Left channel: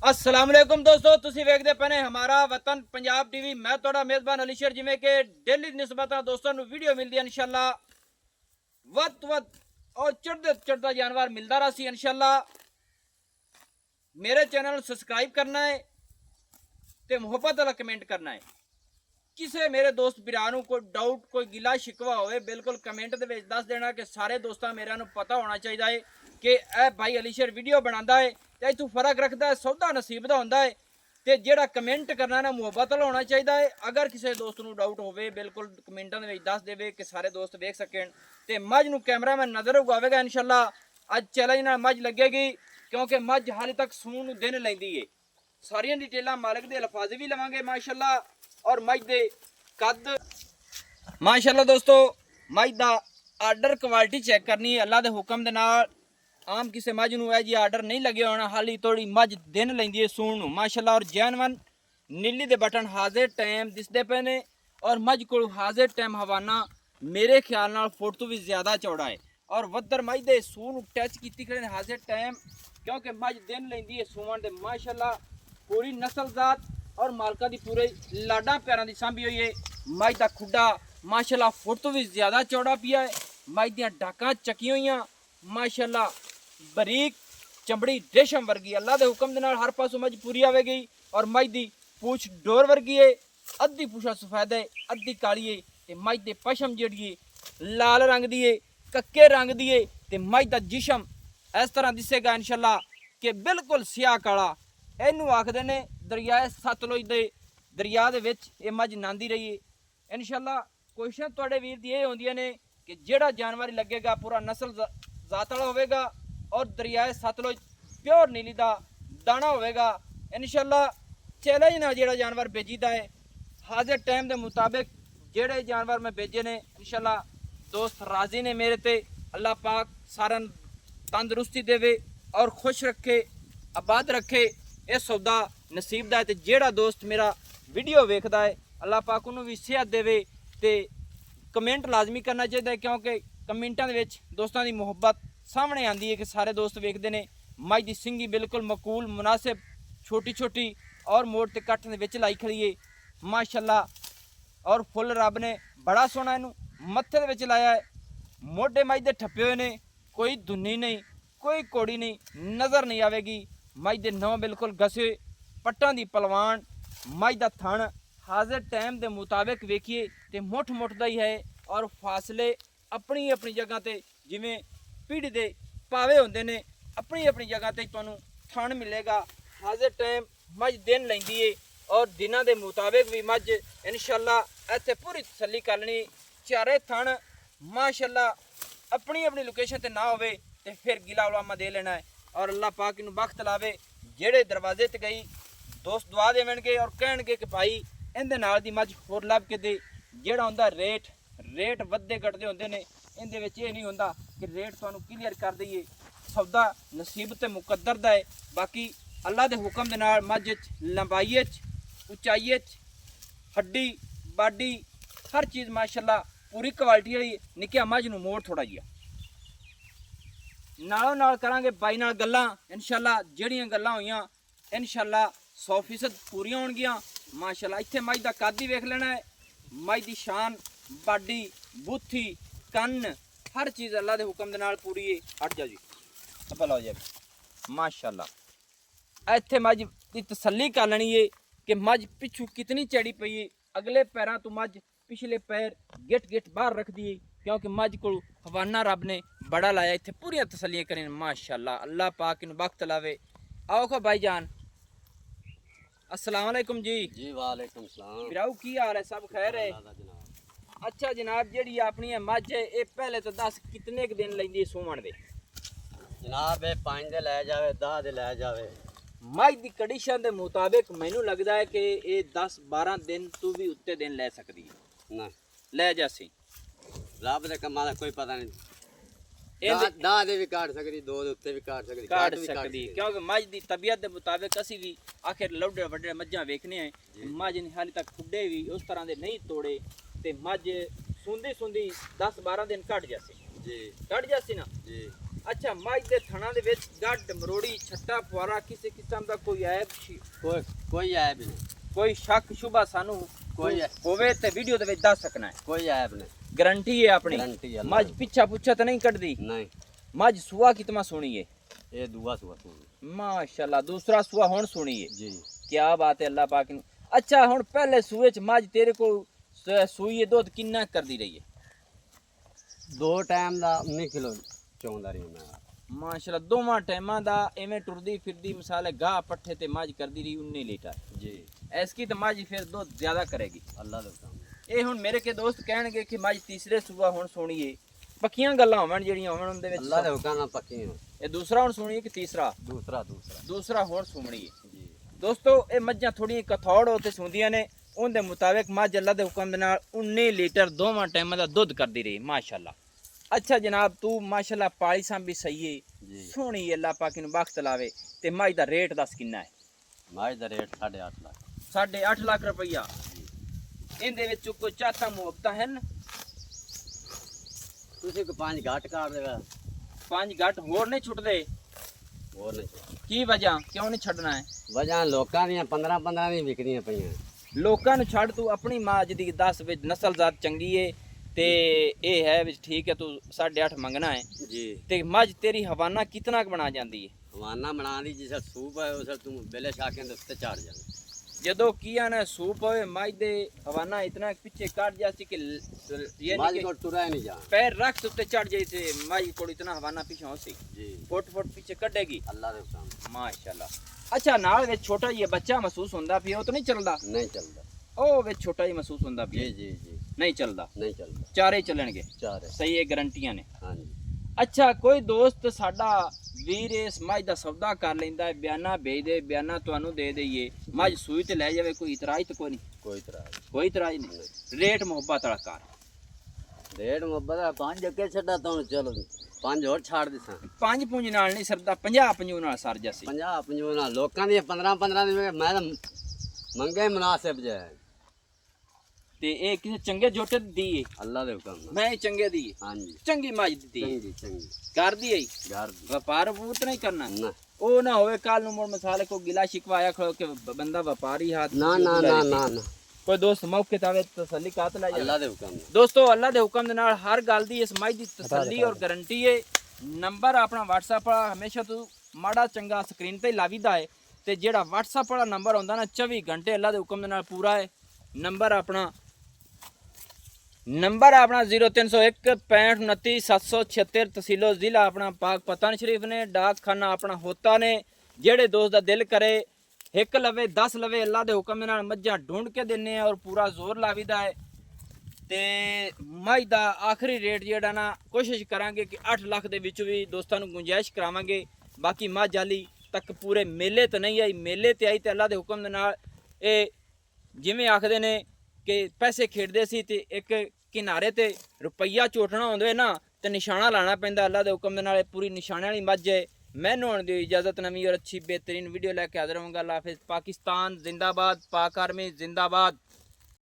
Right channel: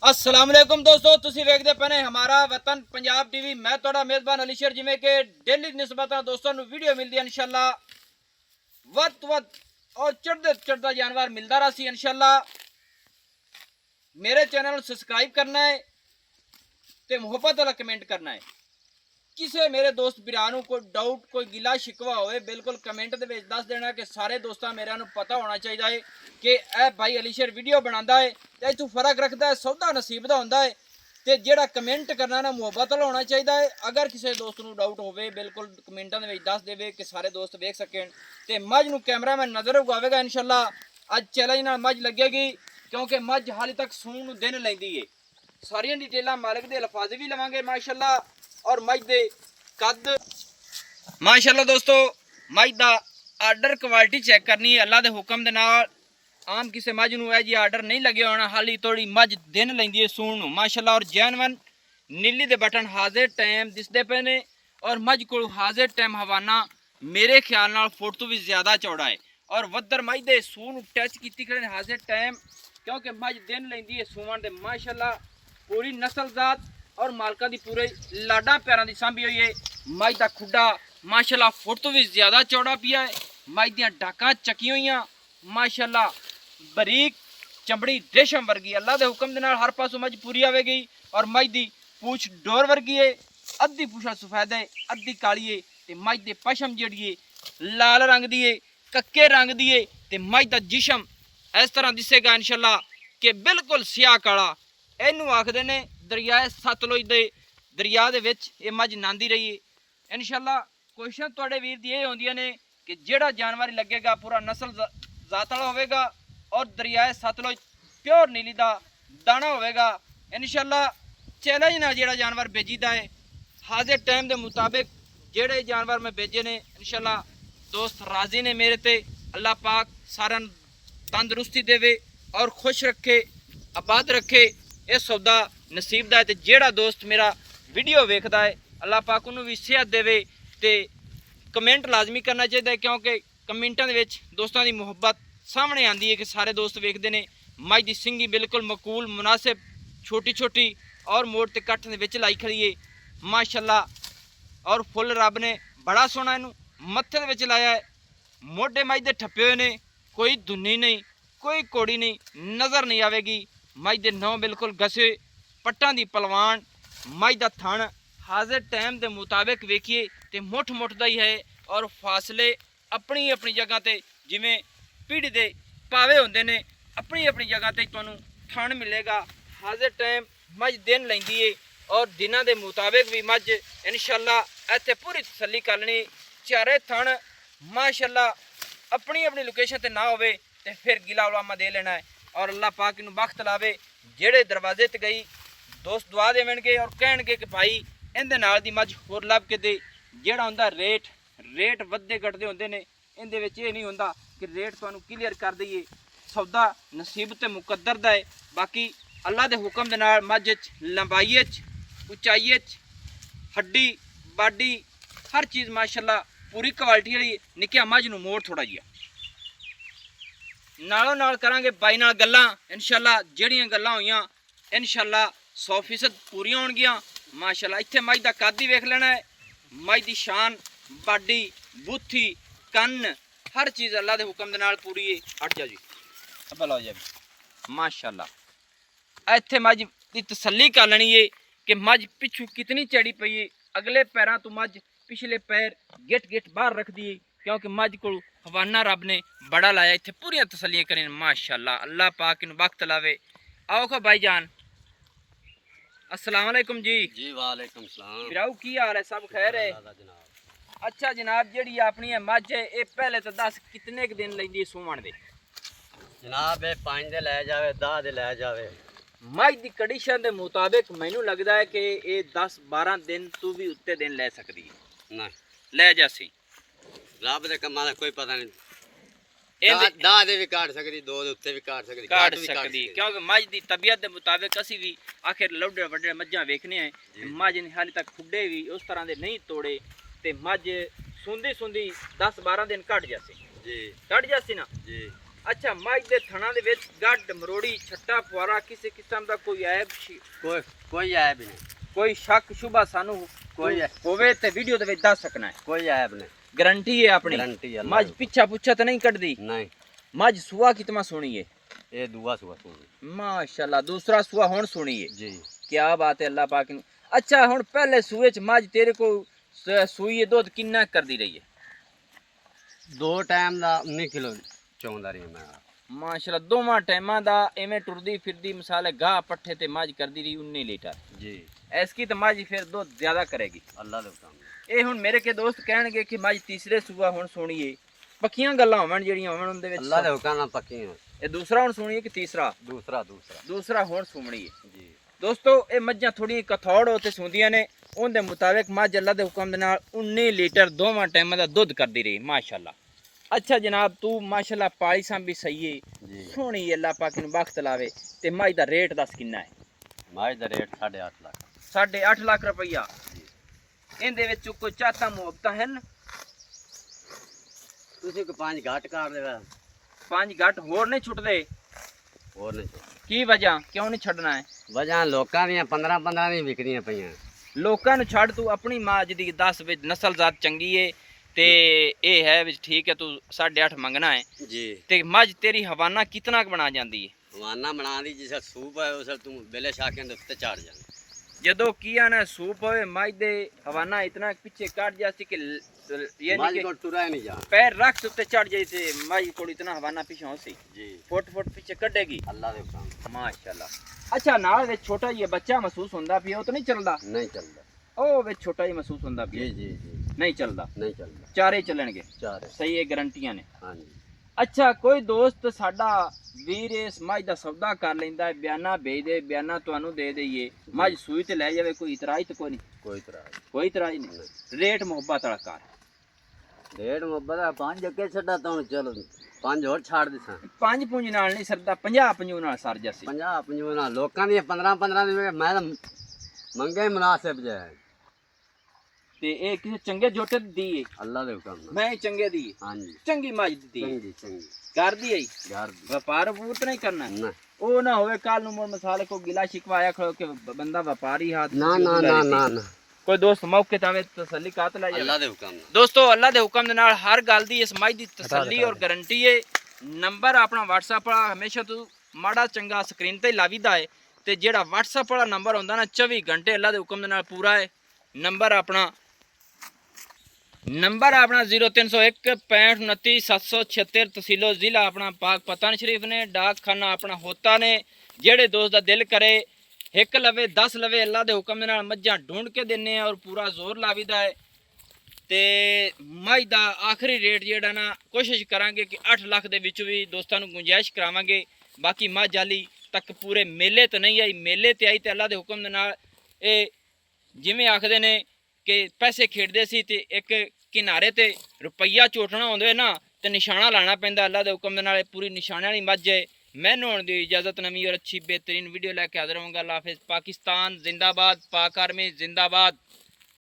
अस्सलाम वालेकुम दोस्तों, तुसी वेखदे पए ने हमारा वतन पंजाब टीवी। मैं तुहाडा मेज़बान अली शेर। जिवें कि डेली निस्बत दोस्तों नूं वीडियो मिलदी है इंशाअल्लाह वध तो वध और चढ़दा जानवर मिलदा रहा इंशाअल्लाह। मेरे चैनल नूं सबसक्राइब करना है ते मुहब्बत वाला कमेंट करना है। किसी मेरे दोस्त भरा नूं कोई डाउट कोई गिला शिकवा होवे बिल्कुल कमेंट दे विच दस देना कि सारे दोस्तां मेरे नूं पता होना चाहिए है कि ए भाई अली शेर वीडियो बनांदा है ते इत्थों फर्क रखदा है, सौदा नसीब दा हुंदा है ते जेड़ा कमेंट करना ना मुहब्बत वाला होना चाहिए है। अगर किसी दोस्त नूं डाउट होवे बिल्कुल कमेंटां दे विच दस देवे कि सारे दोस्त वेख सकन ते मझ नूं कैमरामैन नज़र उगावेगा इंशाअल्लाह। अज चैलेंज नाल मझ लगेगी क्योंकि मझ हाले तक सूण नूं दिन लैंदी है। सारियां डिटेलां मालिक दे अल्फाज भी लवांगे माशाअल्लाह और मझ दे कद माशाअल्लाह। दोस्तों मझ दा आर्डर क्वालिटी चेक करनी है अल्लाह दे हुक्म दे नाल। आम किसी मझ नूं है जी आर्डर नहीं लगे होना, हाली थोड़ी मझ दिन लैंदी है सूण नूं माशाअल्लाह। और जैनवन नीली दे बटन हाजिर टाइम दिसदे पे ने और मझ को हाजिर टाइम हवाना मेरे ख्याल नाल फुट तो भी ज़्यादा चौड़ा है और वद्दर मझ दे सूण टच कीती खड़े हाजिर टाइम क्योंकि मझ दिन लैंदी है सूवन दे माशाअल्लाह। पूरी नस्ल जात और मालका दी पूरे लाडा पैरों की सांभी हुई है। मझ का खुडा माशाअल्लाह फुट तो भी ज़्यादा चौड़ा पिया है। मझ दियां डाकां चकी हुई माशाअल्लाह, बरीक चमड़ी रेशम वर्गी अल्लाह के हुक्म के नाल हर पासों मझ पूरी आवेगी। और मझ की पूछ डोर वर्गी है, अद्धी पूछा सफेद है अद्धी काली है ते मझ के पशम जिहड़ी है लाल रंग दी है कक्के रंग दी है ते मझ का जिशम इस तरह दिसेगा इंशाअल्लाह कि बिल्कुल स्याह काला। इनू आखदे ने दरियाए सतलुज दे दरिया दे विच ये मझ नांदी रही है इंशाअल्लाह। कोशिशां तुहाडे वीर दी ये होंदियां ने कि जेड़ा जानवर लगेगा पूरा नस्ल जात वाला होवेगा और दरियाए सतलुज प्योर नीली दा दाना होवेगा इंशाअल्लाह। चैलेंज ना जेड़ा जानवर बेचीदा है हाजिर टाइम के मुताबिक जेड़े जानवर मैं भेजे ने इंशाअल्लाह दोस्त राजी ने मेरे ते। अल्लाह पाक सारा तंदुरुस्ती देवे और खुश रखे आबाद रखे ये सौदा नसीब दा है। ते जेड़ा दोस्त मेरा वीडियो वेखदा है अल्लाह पाक उन्होंने भी सेहत देवे ते कमेंट लाजमी करना चाहिए क्योंकि कमेंटा दे विच दोस्तां दी मुहब्बत सामने आती है कि सारे दोस्त वेखते हैं। मझ की सिंगी बिल्कुल मकूल मुनासिब छोटी छोटी और मोड़ ते कट्ठ दे विच लाई खड़ी है माशाअल्लाह। और फुल रब ने बड़ा सोहना इनू मत्थे दे विच लाया है। मोढे मझ दे ठप्पे हुए ने, कोई धुन्नी नहीं कोई कोड़ी नहीं नज़र नहीं आवेगी। मझ दे नौ बिल्कुल घसे पट्टां दी पलवान मझ दा थण हाजिर टाइम के मुताबिक वेखिए तो मुठ मुठ दा ही है और फासले अपनी अपनी जगह ते जिमें पीढ़ी दे पावे होंदे ने अपनी अपनी जगह ते तुहानूं थण मिलेगा। हाजिर टाइम मझ दिन लैंदी है और दिनां दे मुताबिक भी मझ इंशाअल्लाह इत्थे पूरी तसल्ली कर लेनी। चारे थण माशाअल्लाह अपनी अपनी लोकेशन ते ना होवे ते फिर गिला उलामा दे लेना है और अल्लाह पाक इनू बख्त लावे। जेड़े दरवाजे ते गई दोस्त दुआ देवणगे और कहणगे कि भाई इहदे नाल दी मझ होर लभ के दे। जेड़ा हुंदा रेट वधदे घटदे हुंदे ने इहदे विच ये नहीं हुंदा कि रेट तुहानूं क्लीयर कर दईए, सौदा नसीब ते मुकद्दर दा है। बाकी अल्लाह दे हुक्म दे नाल मझ च लंबाई च उचाई च हड्डी बाडी हर चीज़ माशाअल्लाह पूरी क्वालिटी वाली। निक्किया मझ नूं मोड़ थोड़ा जिहा नालों नाल करांगे बाई नाल गल्लां इंशाअल्लाह। जेड़ियां गल्लां होईयां इंशाअल्लाह 100% पूरियां होणगियां माशाअल्लाह। इत्थे मझ दा कद ही वेख लेना है, मझ दी शान बाडी बूथी कन्न हर चीज़ अल्लाह दे हुक्म दे नाल पूरी है। हट जाओ जी भला हो जाए माशाअल्लाह। इत्थे मझ दी तसल्ली कर लेनी है कि मझ पिछू कितनी चढ़ी पई है। अगले पैरों तो मझ पिछले पैर गिट गिट बाहर रख दिए क्योंकि मझ को हवाना रब ने बड़ा लाया। इत्थे पूरी तसल्लियां करें माशाअल्लाह। अल्लाह पाक इन वक्त लावे। आओ खा भाई जान अस्सलाम वालेकुम जी। जी वालेकुम सलाम। बिराऊ की हाल है, सब खैर है? अच्छा जनाब जेड़ी अपनी मझ है ये पहले तो दस कितने क दिन लैंदी सूवण दे? जनाब ये 5 दे लै जावे 10 दे लै जावे। मझ की कंडीशन के मुताबिक मैनू लगता है कि ये 10-12 दिन तू भी उत्ते दिन लै सकती है ना लै जासी। रब दे कमां दा कोई पता नहीं। ਇਹਦੇ 10 ਦੇ ਵੀ ਕਾਟ ਸਕਦੀ 2 ਦੇ ਉੱਤੇ ਵੀ ਕਾਟ ਸਕਦੀ काट सकती क्योंकि मझ की तबीयत के मुताबिक असी भी आखिर लौडे वड्डे मझां वेखने हैं मझ ने हाले तक खुडे भी उस तरह के नहीं तोड़े तो मझ सुंदी सुंदी 10-12 दिन कट जासी। जी कट जासी ना जी। ਅੱਛਾ ਮੱਝ ਦੇ ਥਣਾ ਦੇ ਵਿੱਚ ਗੱਡ ਮਰੋੜੀ ਛੱਟਾ ਫੁਆਰਾ ਕਿਸੇ ਕਿਸਮ ਦਾ ਕੋਈ ਐਬ ਕੋਈ ਐਬ ਨਹੀਂ, ਕੋਈ ਸ਼ੱਕ ਸ਼ੁਬਾ ਸਾਨੂੰ ਕੋਈ ਹੋਵੇ ਤੇ ਵੀਡੀਓ ਦੇ ਵਿੱਚ ਦੱਸ ਸਕਣਾ ਹੈ। ਕੋਈ ਐਬ ਨਹੀਂ, ਗਾਰੰਟੀ ਹੈ ਆਪਣੀ। ਗਾਰੰਟੀ ਹੈ। ਮੱਝ ਪਿੱਛਾ ਪੁੱਛਾ ਤਾਂ ਨਹੀਂ ਕੱਢਦੀ? ਨਹੀਂ, ਮੱਝ ਸੁਆ ਕਿਤਨਾ ਸੋਹਣੀ ਹੈ, ਇਹ ਦੂਆ ਸੁਆ ਸੁਣੀ ਮਾਸ਼ਾਅੱਲਾ। ਦੂਸਰਾ ਸੁਆ ਹੁਣ ਸੋਹਣੀ ਹੈ ਜੀ। ਕੀ ਬਾਤ ਹੈ ਅੱਲਾਹ ਪਾਕ ਨੂੰ। ਅੱਛਾ ਹੁਣ ਪਹਿਲੇ ਸੂਏ ਚ ਮੱਝ ਤੇਰੇ ਕੋ ਸੂਈ ਦੁੱਧ ਕਿੰਨਾ ਕਰਦੀ ਰਹੀ ਹੈ? 2 ਟਾਈਮ ਦਾ 19 ਕਿਲੋ ਚੋਂਦਾ ਰਹੀ ਮੈਂ। ਮਾਸ਼ਾਅੱਲਾ ਦੋਵਾਂ ਟਾਈਮਾਂ ਦਾ ਐਵੇਂ ਟੁਰਦੀ ਫਿਰਦੀ ਮਿਸਾਲ ਗਾਹ ਪੱਠੇ ਤੇ ਮੱਝ ਕਰਦੀ ਰਹੀ 19 ਲੀਟਰ ਜੀ। ਐਸਕੀ ਤਾਂ ਮੱਝ ਫਿਰ ਦੁੱਧ ਜ਼ਿਆਦਾ ਕਰੇਗੀ ਅੱਲਾਹ ਦੇ ਹੁਕਮ। ਇਹ ਹੁਣ ਮੇਰੇ ਕੇ ਦੋਸਤ ਕਹਿਣਗੇ ਕਿ ਮੱਝ ਤੀਸਰੇ ਸੂਆ ਹੁਣ ਸੋਣੀ ਏ, ਪੱਕੀਆਂ ਗੱਲਾਂ ਹੋਵਣ ਜਿਹੜੀਆਂ ਹੋਵਣ ਉਹਦੇ ਵਿੱਚ। ਅੱਲਾਹ ਦੇ ਹੁਕਮ ਨਾਲ ਪੱਕੀ ਹੈ। ਇਹ ਦੂਸਰਾ ਹੁਣ ਸੋਣੀ ਹੈ ਕਿ ਤੀਸਰਾ? ਦੂਸਰਾ ਹੁਣ ਸੋਣੀ ਹੈ ਜੀ। ਦੋਸਤੋ ਇਹ ਮੱਝਾਂ ਥੋੜੀਆਂ ਕਥੌੜ ਉੱਤੇ ਸੁੰਦੀਆਂ ਨੇ, ਉਹਦੇ ਮੁਤਾਬਿਕ ਮੱਝ ਅੱਲਾ ਦੇ ਹੁਕਮ ਦੇ ਨਾਲ 19 ਲੀਟਰ ਦੋਵਾਂ ਟਾਈਮਾਂ ਦਾ ਦੁੱਧ ਕਰਦੀ ਰਹੀ ਮਾਸ਼ਾਅੱਲਾ। ਅੱਛਾ ਜਨਾਬ ਤੂੰ ਮਾਸ਼ਾਅੱਲਾ ਪਾਲੀ ਸਾਂਭੀ ਸਹੀ ਏ, ਸੋਹਣੀ ਅੱਲਾ ਪਾਕ ਨੂੰ ਬਖਤ ਲਾਵੇ। ਤੇ ਮੱਝ ਦਾ ਰੇਟ ਦੱਸ ਕਿੰਨਾ ਹੈ? ਮੱਝ ਦਾ ਰੇਟ 8.5 ਲੱਖ। 8.5 ਲੱਖ ਰੁਪਈਆ। ਇਹਦੇ ਵਿੱਚ ਕੋਈ ਚਾਹਤਾ ਮੁਹੱਬਤਾਂ ਹਨ? ਤੁਸੀਂ ਕੋ 5 ਘੱਟ ਕਰ ਦੇਗਾ। 5 ਘੱਟ ਹੋਰ ਨਹੀਂ ਛੁੱਟਦੇ? ਹੋਰ ਨਹੀਂ, ਕੀ ਵਜ੍ਹਾ ਕਿਉਂ ਨਹੀਂ ਛੱਡਣਾ ਹੈ? ਵਜਾਂ ਲੋਕਾਂ ਦੀਆਂ 15 ਨਹੀਂ ਵਿਕਦੀਆਂ ਪਈਆਂ। ਲੋਕਾਂ ਨੂੰ ਛੱਡ, ਤੂੰ ਆਪਣੀ ਮਾਂ ਜਿਹਦੀ 10 ਵਿੱਚ ਨਸਲ ਜ਼ਾਤ ਚੰਗੀ ਏ ਤੇ ਇਹ ਹੈ ਵਿੱਚ ਠੀਕ ਹੈ, ਤੂੰ 8.5 ਮੰਗਣਾ ਹੈ ਜੀ। ਤੇ ਮੱਝ ਤੇਰੀ ਹਵਾਨਾ ਕਿਤਨਾ ਕੁ ਬਣਾ ਜਾਂਦੀ ਹੈ? ਹਵਾਨਾ ਬਣਾ ਦੀ ਜਿਸ ਸੂਪ ਹੈ ਉਸ ਤੂੰ ਬੇਲੇ ਸ਼ਾਕਿਆਂ ਦੇ ਉੱਤੇ ਚੜ ਜਾਣਾ। ਜਦੋਂ ਕੀਆ ਨਾ ਸੂਪ ਹੋਵੇ ਮੱਝ ਦੇ ਹਵਾਨਾ ਇਤਨਾ ਪਿੱਛੇ ਕੱਟ ਜਾਂਦੀ ਕਿ ਮੱਝ ਕੋ ਟੁਰਾ ਨਹੀਂ ਜਾ। ਪੈਰ ਰੱਖ ਉੱਤੇ ਚੜ ਜਾਈ ਤੇ ਮੱਝ ਕੋਲ ਇਤਨਾ ਹਵਾਨਾ ਪਿੱਛੋਂ ਸੀ ਜੀ। ਫੁੱਟ ਪਿੱਛੇ ਕੱਢੇਗੀ ਅੱਲਾਹ ਦੇ ਹੁਕਮ। ਮਾਸ਼ਾਅੱਲਾ। ਅੱਛਾ ਨਾਲ ਵਿੱਚ ਛੋਟਾ ਜਿਹਾ ਬੱਚਾ ਮਹਿਸੂਸ ਹੁੰਦਾ ਪਿਆ, ਉਹ ਤਾਂ ਨਹੀਂ ਚੱਲਦਾ? ਨਹੀਂ ਚੱਲਦਾ। ਉਹ ਵਿੱਚ ਛੋਟਾ ਜਿਹਾ ਮਹਿਸੂਸ ਹੁੰਦਾ ਪਿਆ? ਜੀ ਜੀ ਜੀ। ਨਹੀਂ ਚੱਲਦਾ? ਨਹੀਂ ਚੱਲਦਾ। ਚਾਰੇ ਚੱਲਣਗੇ? ਚਾਰੇ ਸਹੀ ਹੈ, ਗਾਰੰਟੀਆਂ ਨੇ। ਹਾਂਜੀ। ਅੱਛਾ ਕੋਈ ਦੋਸਤ ਸਾਡਾ ਵੀਰ ਇਸ ਮੱਝ ਦਾ ਸੌਦਾ ਕਰ ਲੈਂਦਾ ਹੈ, ਬਿਆਨਾ ਭੇਜ ਦੇ, ਬਿਆਨਾ ਤੁਹਾਨੂੰ ਦੇ ਦਈਏ, ਮੱਝ ਸੂਈ ਤੇ ਲੈ ਜਾਵੇ, ਕੋਈ ਇਤਰਾਜ਼ ਤਾਂ ਕੋਈ ਨਹੀਂ? ਕੋਈ ਇਤਰਾਜ਼ ਨਹੀਂ। ਰੇਟ ਮੁਹੱਬਤ ਵਾਲਾ ਕਰ। ਰੇਟ ਮੁਹੱਬਤ ਦਾ 5 ਅੱਗੇ ਛੱਡਾ ਤਾਂ ਹੁਣ ਚਲੋ 5 ਹੋਰ ਛੱਡ ਦਿਸਾਂ। 5 ਪੁੰਜ ਨਾਲ ਨਹੀਂ ਸਰਦਾ, 50 ਨਾਲ ਸਰ ਜਾਸੀ। 50 ਨਾਲ ਲੋਕਾਂ ਦੀਆਂ 15 ਦੀ ਮੈਂ ਤਾਂ ਮੰਗੇ ਮੁਨਾਸਿਬ ਜੇ। ਤੇ ਇਹ ਕਿਸੇ ਚੰਗੇ ਜੋਟੇ ਦੀ ਏ? ਅੱਲਾਹ ਦੇ ਹੁਕਮ ਨਾਲ। ਮੈਂ ਚੰਗੇ ਦੀ ਏ? ਹਾਂਜੀ। ਚੰਗੀ ਮੱਝ ਦਿੱਤੀ ਏ? ਚੰਗੀ ਚੰਗੀ ਕਰਦੀ ਏ? ਘਰ ਦੀ। ਵਪਾਰ ਵਪੂਰ ਨਹੀਂ ਕਰਨਾ? ਨਾ ਉਹ ਨਾ ਹੋਵੇ ਕੱਲ ਨੂੰ ਮੁੜ ਮਸਾਲੇ ਕੋ ਗਿਲਾ ਸ਼ਿਕਵਾ ਆਇਆ ਖੜੋ ਕਿ ਬੰਦਾ ਵਪਾਰੀ ਹਾਥ ਨਾ ਨਾ ਨਾ ਨਾ ਨਾ। ਕੋਈ ਦੋਸਤ ਮੌਕੇ ਤੇ ਆਵੇ ਤਸੱਲੀ ਕਾਤ ਲੈ ਜਾਵੇ। ਅੱਲਾਹ ਦੇ ਹੁਕਮ ਨਾਲ। ਦੋਸਤੋ ਅੱਲਾ ਦੇ ਹੁਕਮ ਦੇ ਨਾਲ ਹਰ ਗੱਲ ਦੀ ਇਸ ਮੱਝ ਦੀ ਤਸੱਲੀ ਔਰ ਗਾਰੰਟੀ ਏ। ਨੰਬਰ ਆਪਣਾ WhatsApp ਵਾਲਾ ਹਮੇਸ਼ਾ ਤੂੰ ਮਾੜਾ ਚੰਗਾ ਸਕਰੀਨ ਤੇ ਲਾਵੀਦਾ ਹੈ ਤੇ ਜਿਹੜਾ WhatsApp ਵਾਲਾ ਨੰਬਰ ਹੁੰਦਾ ਨਾ 24 ਘੰਟੇ ਅੱਲਾ ਦੇ ਹੁਕਮ ਦੇ ਨਾਲ ਪੂਰਾ ਹੈ। ਨੰਬਰ ਆਪਣਾ 0301 65 29 776 ਤਹਿਸੀਲੋ ਜ਼ਿਲ੍ਹਾ ਆਪਣਾ ਪਾਕ ਪਤਨ ਸ਼ਰੀਫ ਨੇ। ਡਾਕਖਾਨਾ ਆਪਣਾ ਹੋਤਾ ਨੇ। ਜਿਹੜੇ ਦੋਸਤ ਦਾ ਦਿਲ ਕਰੇ ਇੱਕ ਲਵੇ 10 ਲਵੇ ਅੱਲਾ ਦੇ ਹੁਕਮ ਦੇ ਨਾਲ ਮੱਝਾਂ ਢੂੰਢ ਕੇ ਦਿੰਨੇ ਆ ਔਰ ਪੂਰਾ ਜ਼ੋਰ ਲਾਵੀਦਾ ਹੈ। ਤੇ ਮੱਝ ਦਾ ਆਖਰੀ ਰੇਟ ਜਿਹੜਾ ਨਾ ਕੋਸ਼ਿਸ਼ ਕਰਾਂਗੇ ਕਿ 8 ਲੱਖ ਦੇ ਵਿੱਚ ਵੀ ਦੋਸਤਾਂ ਨੂੰ ਗੁੰਜਾਇਸ਼ ਕਰਾਵਾਂਗੇ। ਬਾਕੀ ਮੱਝ ਵਾਲੀ ਤੱਕ ਪੂਰੇ ਮੇਲੇ ਤੇ ਨਹੀਂ ਆਈ, ਮੇਲੇ ਤੇ ਆਈ ਤੇ ਅੱਲਾ ਦੇ ਹੁਕਮ ਦੇ ਨਾਲ ਇਹ ਜਿਵੇਂ ਆਖਦੇ ਨੇ ਕਿ ਪੈਸੇ ਖੇਡਦੇ ਸੀ ਤੇ ਇੱਕ ਕਿਨਾਰੇ ਤੇ ਰੁਪਈਆ ਝੋਟਣਾ ਹੁੰਦੇ ਨਾ ਤੇ ਨਿਸ਼ਾਨਾ ਲਾਣਾ ਪੈਂਦਾ। ਅੱਲਾ ਦੇ ਹੁਕਮ ਦੇ ਨਾਲ ਪੂਰੀ ਨਿਸ਼ਾਨੇ ਵਾਲੀ ਮੱਝ ਹੈ। ਮੈਨੂੰ ਹੁਣ ਦੀ ਇਜਾਜ਼ਤ, ਨਵੀਂ ਔਰ ਅੱਛੀ बेहतरीन वीडियो लेके हाजिर होऊंगा। अल्लाह हाफिज़। पाकिस्तान जिंदाबाद, पाक आर्मी जिंदाबाद।